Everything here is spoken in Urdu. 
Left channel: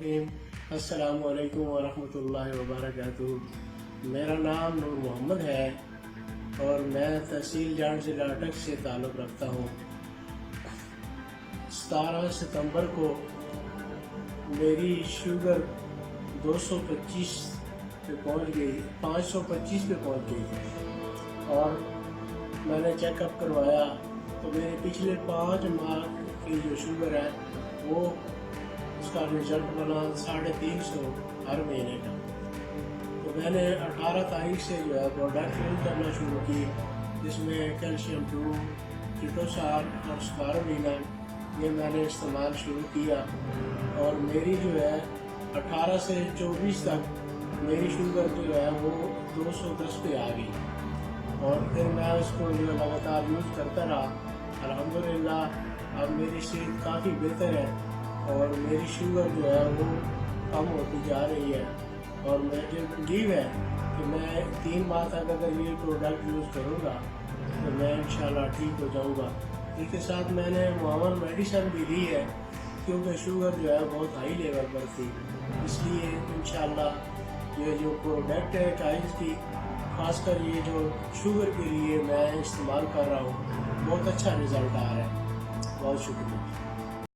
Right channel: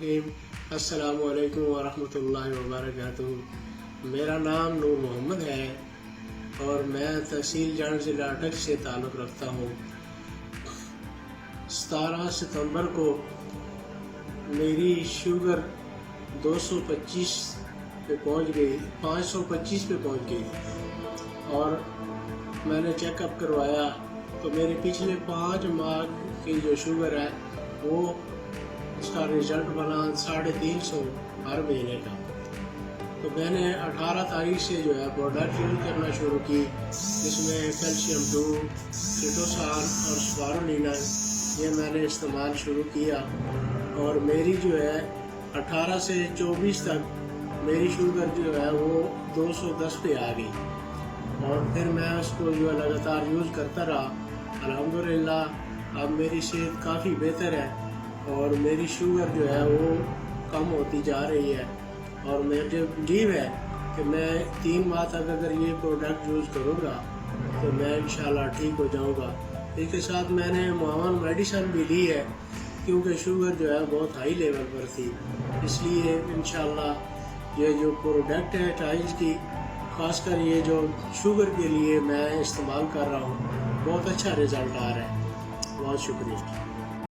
الرحیم السلام علیکم ورحمۃ اللہ وبرکاتہ۔ میرا نام نور محمد ہے اور میں تحصیل جانڈ ضلع اٹک سے تعلق رکھتا ہوں۔ 17 ستمبر کو میری شوگر 225 پہ پہنچ گئی، 525 پہ پہنچ گئی اور میں نے چیک اپ کروایا تو میرے پچھلے 5 ماہ کی جو شوگر ہے وہ اس کا رزلٹ بنا 350 ہر مہینے کا۔ تو میں نے 18 تاریخ سے جو ہے پروڈکٹ یوز کرنا شروع کی، جس میں کیلشیم 2، کیٹوسان اور سپارولینن یہ میں نے استعمال شروع کیا اور میری جو ہے 18 سے 24 تک میری شوگر جو ہے وہ 210 پہ آ گئی اور پھر میں اس کو جو لگاتار یوز کرتا رہا۔ الحمدللہ اب میری صحت کافی بہتر ہے اور میری شوگر جو ہے وہ کم ہوتی جا رہی ہے اور مجھے امید ہے کہ میں 3 ماہ تک اگر یہ پروڈکٹ یوز کروں گا تو میں انشاءاللہ ٹھیک ہو جاؤں گا۔ اس کے ساتھ میں نے معاون میڈیسن بھی دی ہے کیونکہ شوگر جو ہے بہت ہائی لیول پر تھی، اس لیے انشاءاللہ یہ جو پروڈکٹ ہے ٹائلز کی، خاص کر یہ جو شوگر کے لیے میں استعمال کر رہا ہوں، بہت اچھا رزلٹ آ رہا ہے۔ بہت شکریہ۔